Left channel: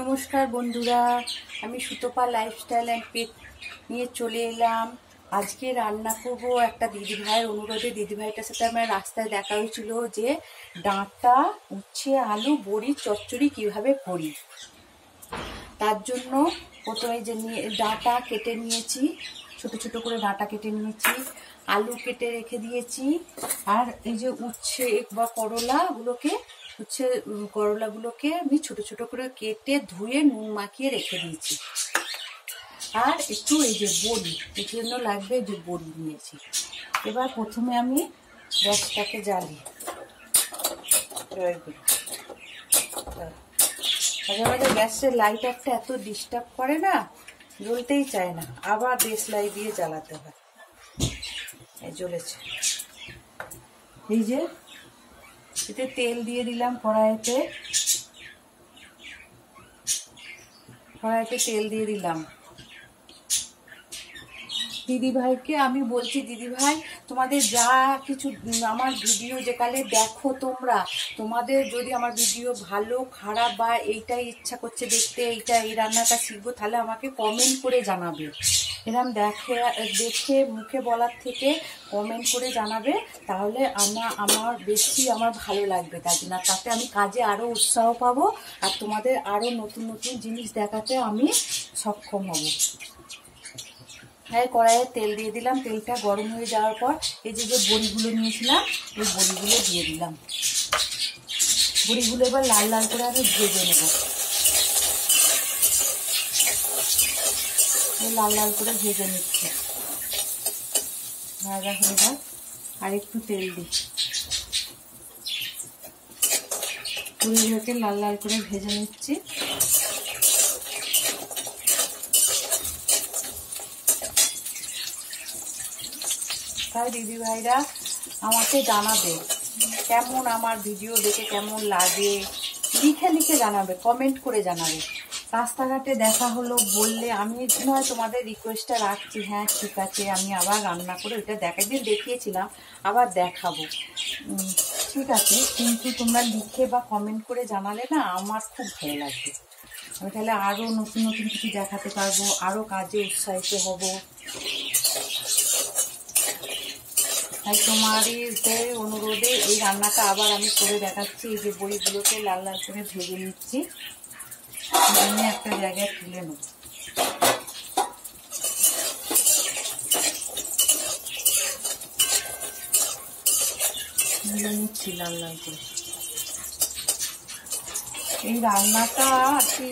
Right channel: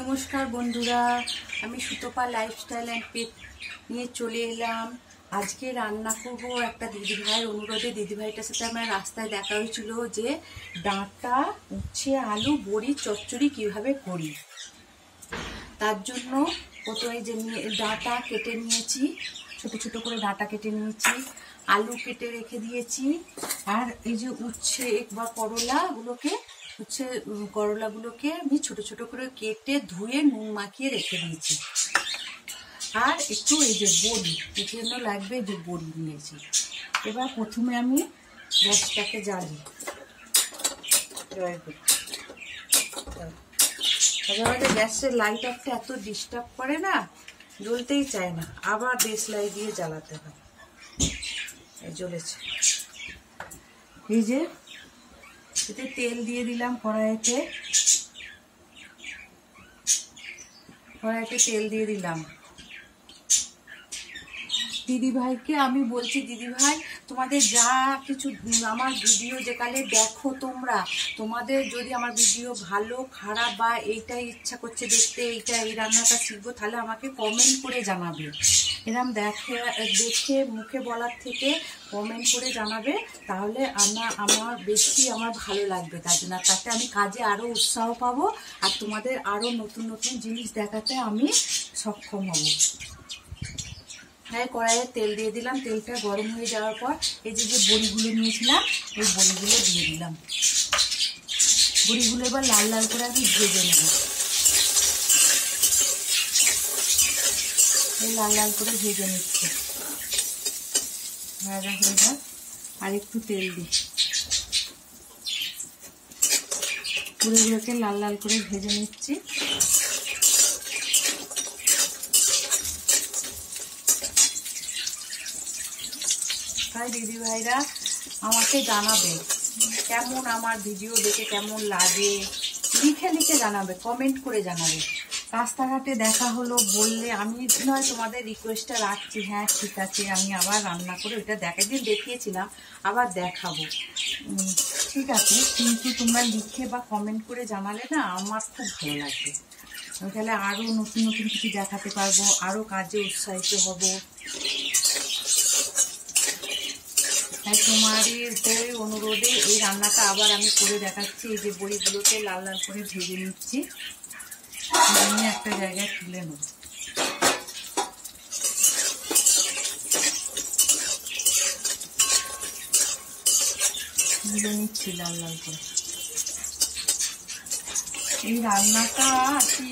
নমস্কার বন্ধুরা, আমি সুতপা লাইফস্টাইল অ্যান্ড পেট নিয়ে চলে এলাম। আজকে রান্না করব একটা দিদিভাইয়ের অনুরোধে। দিদিভাইটার সাথে আমার রাস্তায় দেখা হয়েছিল যে ডাঁটা, উচ্ছে, আলু, বড়ি চচ্চড়ি কিভাবে করি। তার জন্য প্রথমে যে ডাঁটা কেটে নিয়েছি, ছোট ছোট করে ডাঁটা কেটে নিয়েছি, আলু কেটে রেখে দিয়েছি, আর এই যে উচ্ছে বা করলাগুলোকে আমি ছোট ছোট করে কেটে ধুয়ে নুন মাখিয়ে রেখে দিয়েছি। আর একটু এই যে বড়ি, এর জন্য লাগবে যে বড়ি নিয়েছি। এবার প্রথমে আমি গ্যাসটাকে জ্বালি। মাঝে গ্যাসের লাইটারটা এত ডিস্টার্ব করে না, জ্বলতেই চায় না, আবার দেশলাই দিয়ে জ্বালাতে হয়। এই জ্বলেছে। এই যে এতে তেল দিয়ে দিলাম কড়াইতে তেল দিয়ে দিলাম। দিদিভাইকে আমি বলছি, দিদিভাই তোমাদের যা কিছু আমার ভিডিও যেকালে দেখো, তোমাদের যদি আমার ভিডিও ভালো খারাপ বা এইটাই ইচ্ছা করছে দেখতে, এই রান্নাটা শিখবো, তাহলে আমাকে কমেন্ট করে জানাবে। এরকম দেখে মুখে বলার থেকে কমেন্ট করে জানাবে, তাহলে আমার ভালো লাগবে। তার জন্য তাতে আমি কাজে আরও উৎসাহ পাবো, আর তোমাদের আরও নতুন নতুন জিনিস দেখাতে আমি সক্ষম হব। হ্যাঁ, কড়াইয়ে তেল দিয়ে দিলাম। তেলটা গরম হয়ে যাওয়ার পর এই যে বড়িগুলো নিয়েছিলাম, এই বড়িগুলো দিয়ে দিলাম। বড়িগুলো এবার লাল লাল করে আমি ভেজে নেব। এই লাল লাল করে ভেজে নিচ্ছি। ভাজা হয়ে যায়, আর একটু তেল দিই। বড়িগুলোকে লাল লাল করে ভেজে নিচ্ছি। তাই দিদিভাইরা আমাকে জানাবে কেমন, আমার ভিডিও দেখে কেমন লাগে, লিখে জানাবে, কমেন্ট করে জানাবে। রাস্তাঘাটে দেখা হলো বললে আমি নয় তোমাদের রিকোয়েস্টটা রাখছি, হ্যাঁ ঠিক আছে, আমি আবার রান্না করে ওইটা দেখিয়েছিলাম, আবার দেখাবো, ঠিক আছে। কিন্তু তোমরা লিখে বা কমেন্ট করে জানালে না আমার খুব ভালো লাগবে। আমি তাহলে আরও নতুন নতুন কিছু দেখাতে পারবো, আরও কাজে উৎসাহিত হব। তাই তোমাদের অনুরোধে এই রান্নাটা আবার আমি করে দেখাচ্ছি। এই যে বড়িগুলোকে লাল লাল করে ভেজে নিচ্ছি, আমি একটা জায়গায় তুলে নেব। ভেজে নিচ্ছি লাল লাল করে। এই রান্নাটা আর কি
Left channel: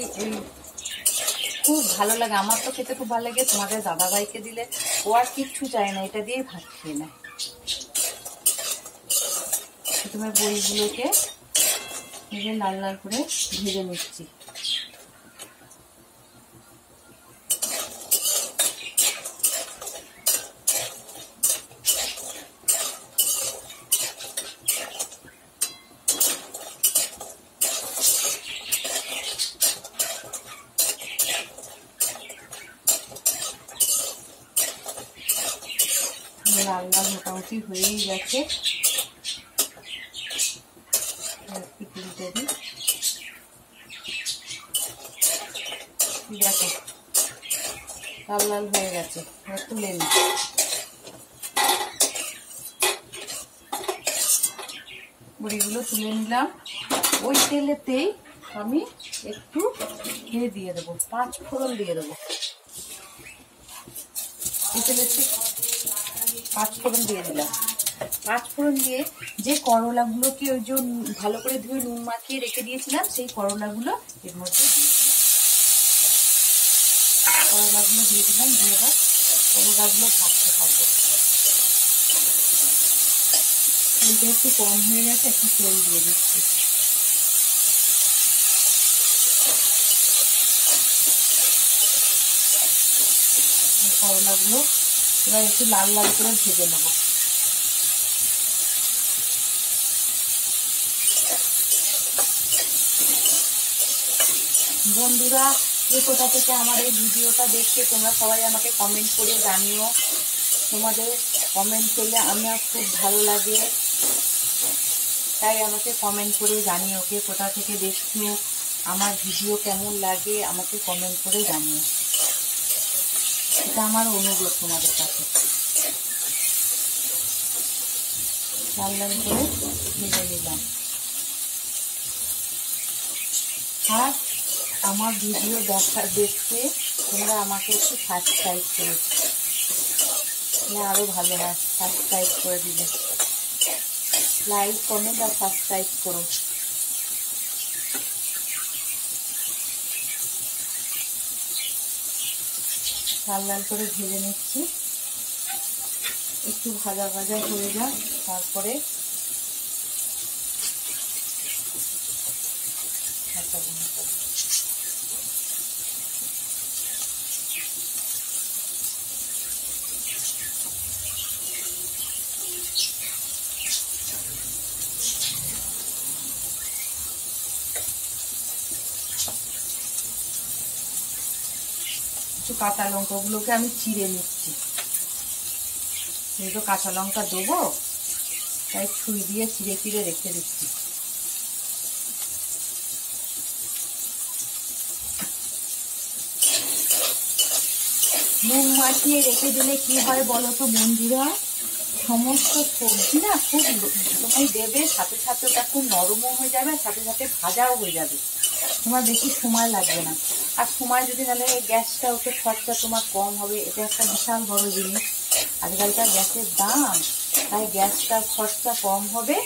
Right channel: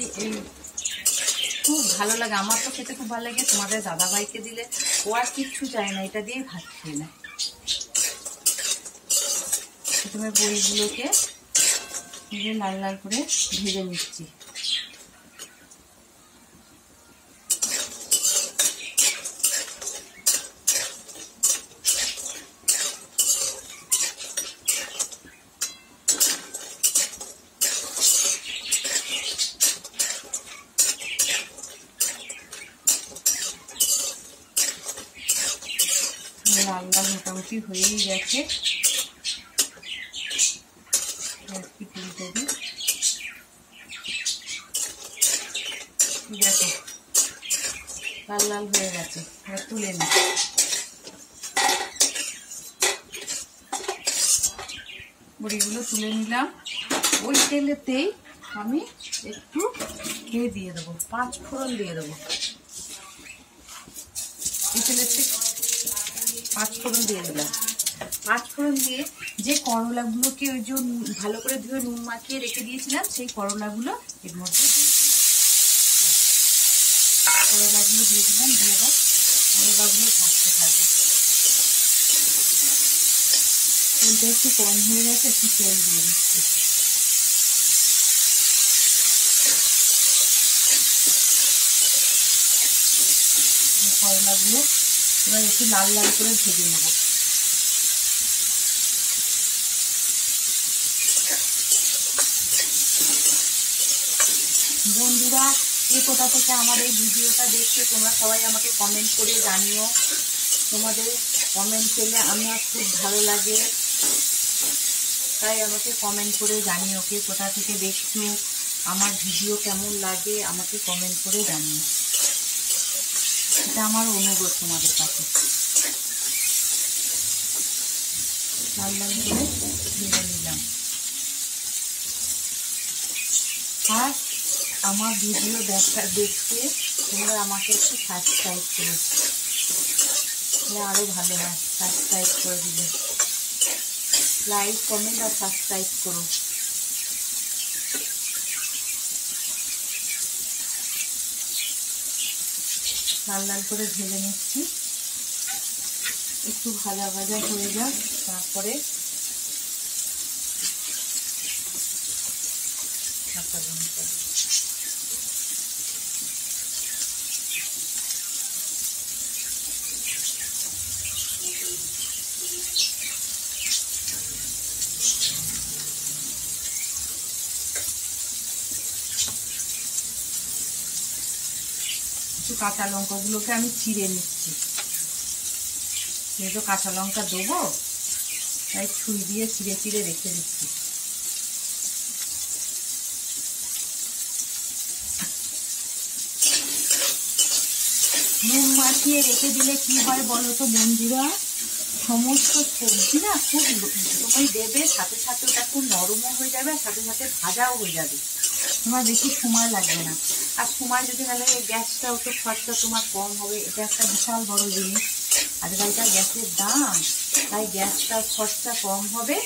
খুব ভালো লাগে, আমার তো খেতে খুব ভালো লাগে। তোমাদের দাদাভাইকে দিলে ও আর কিচ্ছু চায় না, এটা দিয়েই ভাত খেয়ে নেয়। প্রথমে বড়িগুলোকে লাল লাল করে ভেজে নিচ্ছি। লাল লাল মোটামুটি হয়েই গেছে। দেখো লাল লাল হয়ে গেছে, তুলে নি। বড়িগুলো তুলে নিলাম। ওই তেলেতেই আমি একটু দিয়ে দেবো, 5 ফোড়ন দিয়ে দেবো। এই তেলেতে 5 ফোড়ন দিয়ে দিলাম। 5 ফোড়ন দিয়ে যে করলাগুলোকে ওই যে ভালো করে ধুয়ে নুন মাখিয়ে রেখে দিয়েছিলাম, সেই করলাগুলো এর মধ্যে দিয়ে দিলাম। করলাগুলো দিয়ে দিলাম, দিয়ে এবার করলাগুলো ভাজতে থাকবে। তেলটা একটু কম হয়ে গেছে, একটু তেল দিয়ে দিচ্ছি। করলাগুলো এবার একটু লাল লাল করে ভেজে নেব। বন্ধুরা, কে কোথা থেকে আমার এই ভিডিওটা দেখছে তোমরা সবাই আমাকে কমেন্ট করে জানিও। তোমাদের কমেন্ট পেলে আমার খুব ভালো লাগে, তাই আমাকে কমেন্ট করে জানিও কে কোথা থেকে দেখছো। আমার ভিডিও কেমন লাগে আমাকে কমেন্ট করে জানিও, এটা আমার অনুরোধ তোমাদের কাছে। লাল লাল করে ভেজে নিলাম। আর আমার ভিডিও দেখতে তোমরা আমাকে একটু সাবস্ক্রাইব করো, তাহলে আরও ভালো হয়। সাবস্ক্রাইব করে দিলে, লাইক কমেন্ট আর সাবস্ক্রাইব করো। লাল লাল করে ভেজে নিচ্ছি, একটু ভাজা ভাজা হয়ে যাক, তারপরে কাঁচা লঙ্কা কাঁচা লঙ্কাগুলোকে আমি চিড়ে নিচ্ছি, যেহেতু কাঁচা লঙ্কা দেবো তাই ছুরি দিয়ে চিড়ে চিড়ে রেখে দিচ্ছি। নুন মাখিয়ে রেখে দিলে কি হয় বলো তো বন্ধুরা, সমস্ত সবজি না খুব সময় দেবে, সাথে সাথে ওটা খুব নরমও হয়ে যাবে, সাথে সাথে ভাজাও হয়ে যাবে, তোমার বেশি সময় লাগবে না। আর সময় যদি না লাগে গ্যাসটাও তো খরচা তোমার কম হবে, এটা একটা বিশাল বড় জিনিস। আজকালকার গ্যাসের দাম, তাই গ্যাসটার খরচা কম হবে।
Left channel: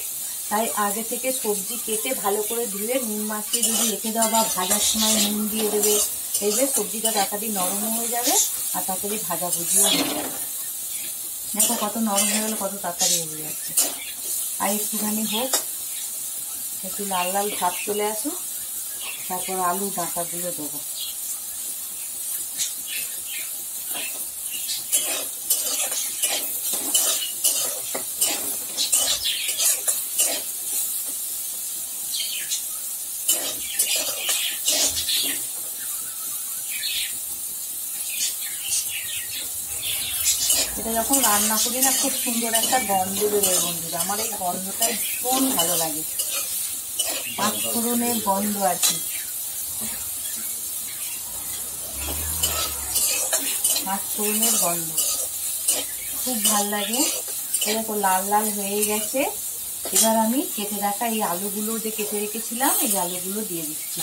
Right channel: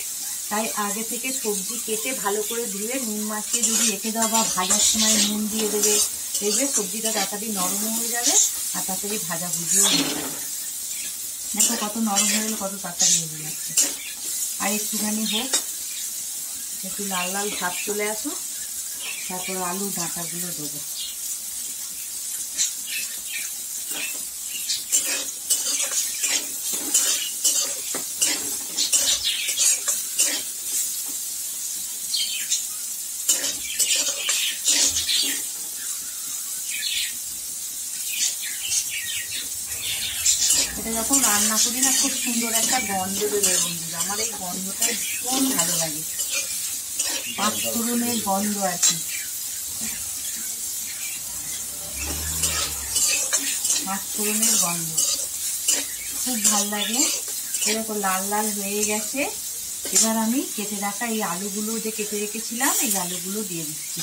তাই আগে থেকে সবজি কেটে ভালো করে ধুয়ে নুন মাখিয়ে যদি রেখে দাও বা ভাজার সময় নুন দিয়ে দেবে, দেখবে সবজিটা তাড়াতাড়ি নরমও হয়ে যাবে আর তাড়াতাড়ি ভাজা ভুজিও হয়ে যাবে। দেখো কত নরম হয়ে গেলে কত তাড়াতাড়ি হয়ে যাচ্ছে। আর একটুখানি হোক, একটু লাল লাল ভাত চলে আসুক, তারপর আলু ডাঁটাগুলো দেবো। এটা যখন রান্না করি না খুব সুন্দর একটা গন্ধ বেরোয় বন্ধুরা, আমার এই গন্ধটা ভীষণ ভালো লাগে, পাঁচফোড়নের গন্ধ আর কি, পাঁচফোড়নের গন্ধ খুব ভালো লাগে। এরকম লাল লাল হয়ে গেছে, এবার আমি কেটে রাখা এই আলুগুলো যে কেটে রেখেছিলাম এই আলুগুলো দিয়ে দিচ্ছি,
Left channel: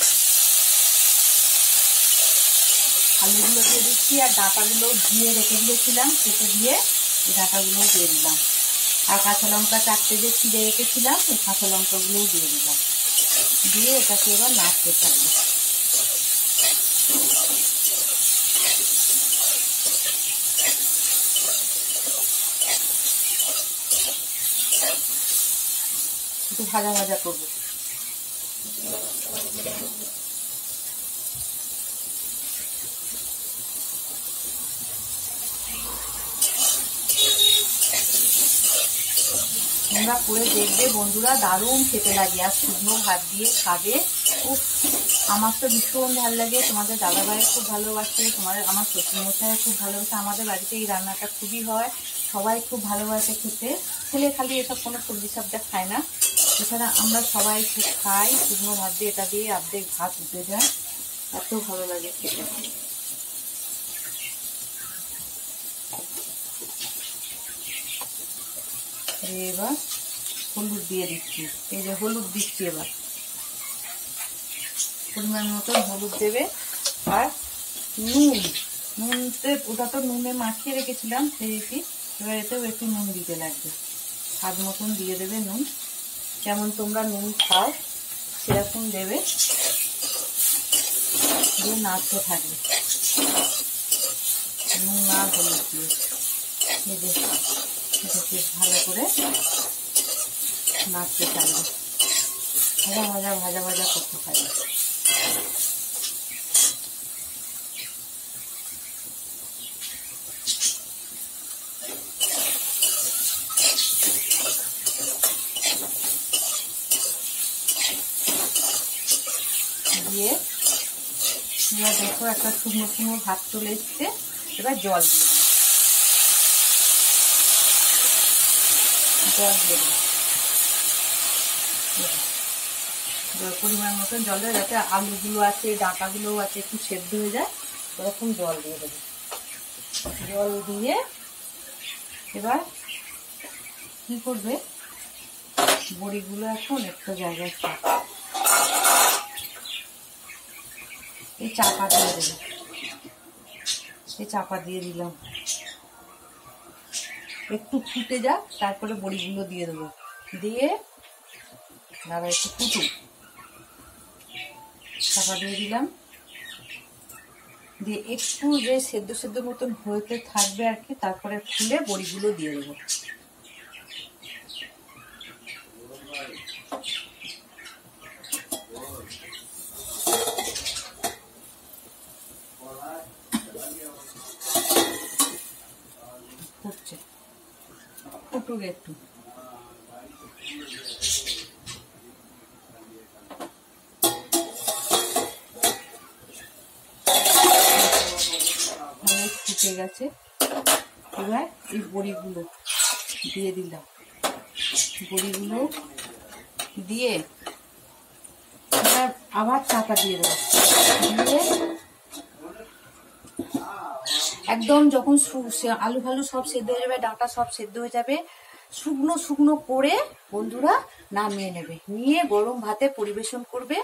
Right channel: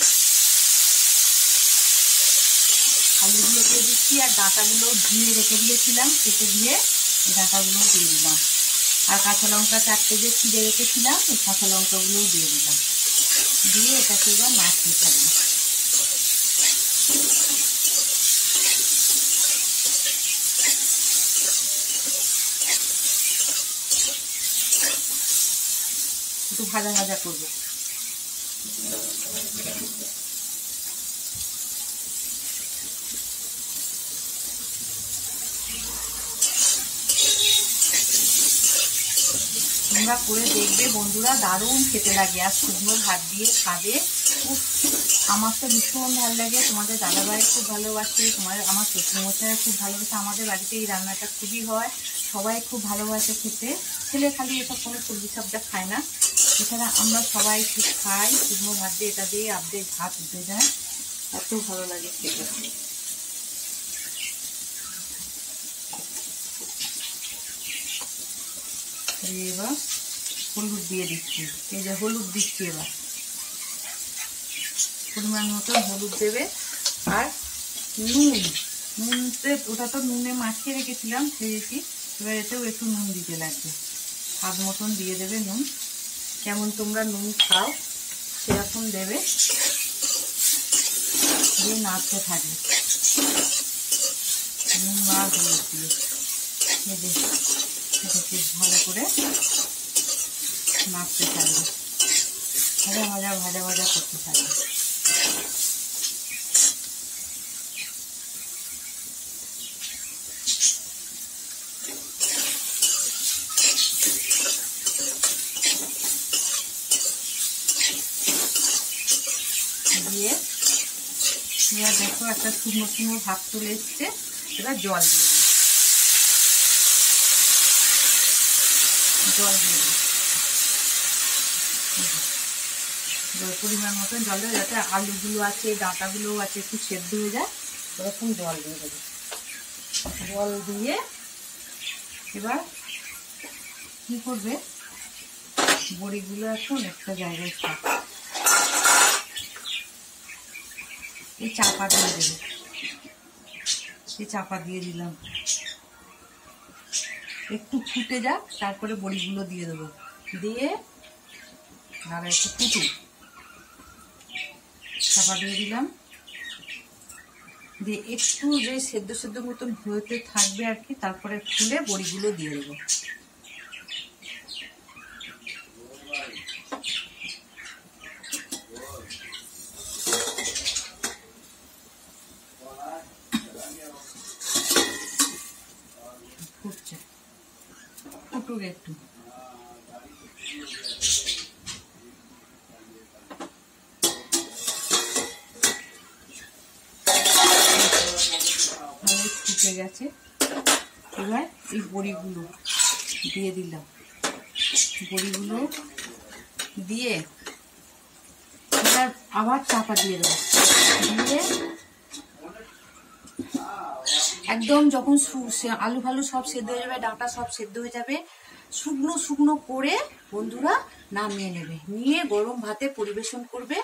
আলুগুলো দিয়ে দিচ্ছি আর ডাঁটাগুলো ধুয়ে রেখে দিয়েছিলাম, কেটে দিয়ে এই ডাঁটাগুলো দিয়ে দিলাম। আর কাঁচা লঙ্কা 4টে যে চিড়ে রেখেছিলাম এই কাঁচা লঙ্কাগুলোও দিয়ে দিলাম, দিয়ে এটাকে এবার নাড়তে থাকবে। একটু ভাজা ভাজা করবো। তোমরা করে দেখবে বন্ধুরা, দারুণ খেতে লাগে, আর শুকনো ভাত দিয়ে খাবে খুব, আমার তো ভীষণ ভালো লাগে, তোমাদের দাদাভাই খুব ভালোবাসে, আমার শ্বশুরমশাই খুব ভালোবাসে, আমাদের বাড়িতে এই রান্নাটা খুবই হয়, সবাই খুব ভালোবাসে খেতে। ছেলে খালি এসব কোনো সবজি সবটা খায় না, এছাড়া আমরা সবাই খুব খাই, শুকনো ভাত দিয়ে এটা দিয়ে অর্ধেক ভাত উঠে যায়, এত ভালো লাগে খেতে। এবার হলুদ দিয়ে দিচ্ছি, এই যে হলুদ দিচ্ছি, এবার পরিমাণ মতো হলুদ দেবে। আর নুনতে ওটা তো নুনে মাখিয়ে রেখেছিলাম খেয়েছি, এবার এতেও একটু নুন দিতে লাগবে, স্বাদ মতন দিয়ে দেবে নুন, যেমন তোমরা নুন খাও সেরকম দেবে, দিয়ে নাড়তে থাকবে নুন আর হলুদ দিয়ে, এটাকে ভালো করে নাড়তে থাকবে, ভাজা ভাজা ভাজা ভাজা করতে থাকবে। দিয়ে এবার দেখো একটা শুকনো শুকনো ভাত চলে এসছে, এবার জল দিয়ে দেবো, জল দিয়ে দেবো, পরিমাণ মতন জল দেবে, যাতে আলুগুলো আছে ডাঁটাগুলোও আছে একটু সেদ্ধ হয়ে যায়, ওরকম জল দিয়ে দেবে। জল দিয়ে এবার কী করবে, বড়িগুলো এখন একটা জায়গায় এই চাপা দিয়ে দেবে। এই চাপা দিয়ে দিলাম, একটু ফুটে যাক, তারপরে বড়িগুলো দিয়ে দেবো। দিয়ে আর একটু ফুটুক, চাপা দিয়ে দিলাম। দিয়ে একটু যে সেদ্ধ সেদ্ধ মতন হতে থাকবে আর কি, তারপরে খুলে বড়িগুলো দিয়ে দেবো। ফুটছে, ফুটুক একটু। ফুটে গেছে, এবার এই বড়িগুলো দিয়ে দিলাম। বড়িগুলো দিয়ে এবার আবার চাপা দিয়ে দেবো। দিয়ে একদম যখন আলু ফালু সব সেদ্ধ হয়ে যাবে, ডাঁটা সব সেদ্ধ হয়ে যাবে, শুকনো শুকনো করে বন্ধুরা নামিয়ে নেবে, নিয়ে গরম ভাতে পরিবেশন করবে।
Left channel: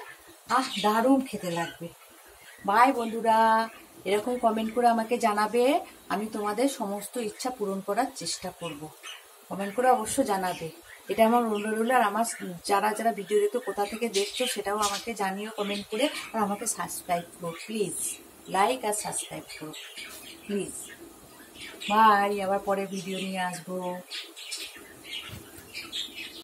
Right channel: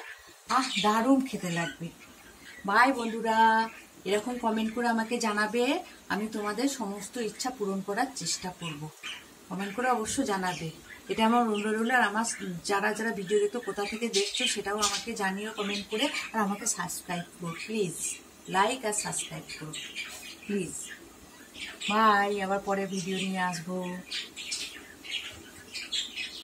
দারুণ খেতে লাগবে। বাই বন্ধুরা, এরকম কমেন্ট করে আমাকে জানাবে, আমি তোমাদের সমস্ত ইচ্ছা পূরণ করার চেষ্টা করব। কমেন্ট করে অবশ্য জানাবে, এটা আমার অনুরোধ। আর আমার যারা যারা ভিডিও দেখো, কোথা থেকে দেখছো সেটাও আমাকে জানিও কমেন্ট করে। আর আমাকে সাবস্ক্রাইব করো প্লিজ, লাইক আর সাবস্ক্রাইব করো প্লিজ। বাই, আবার পরে ভিডিও নিয়ে আসবো।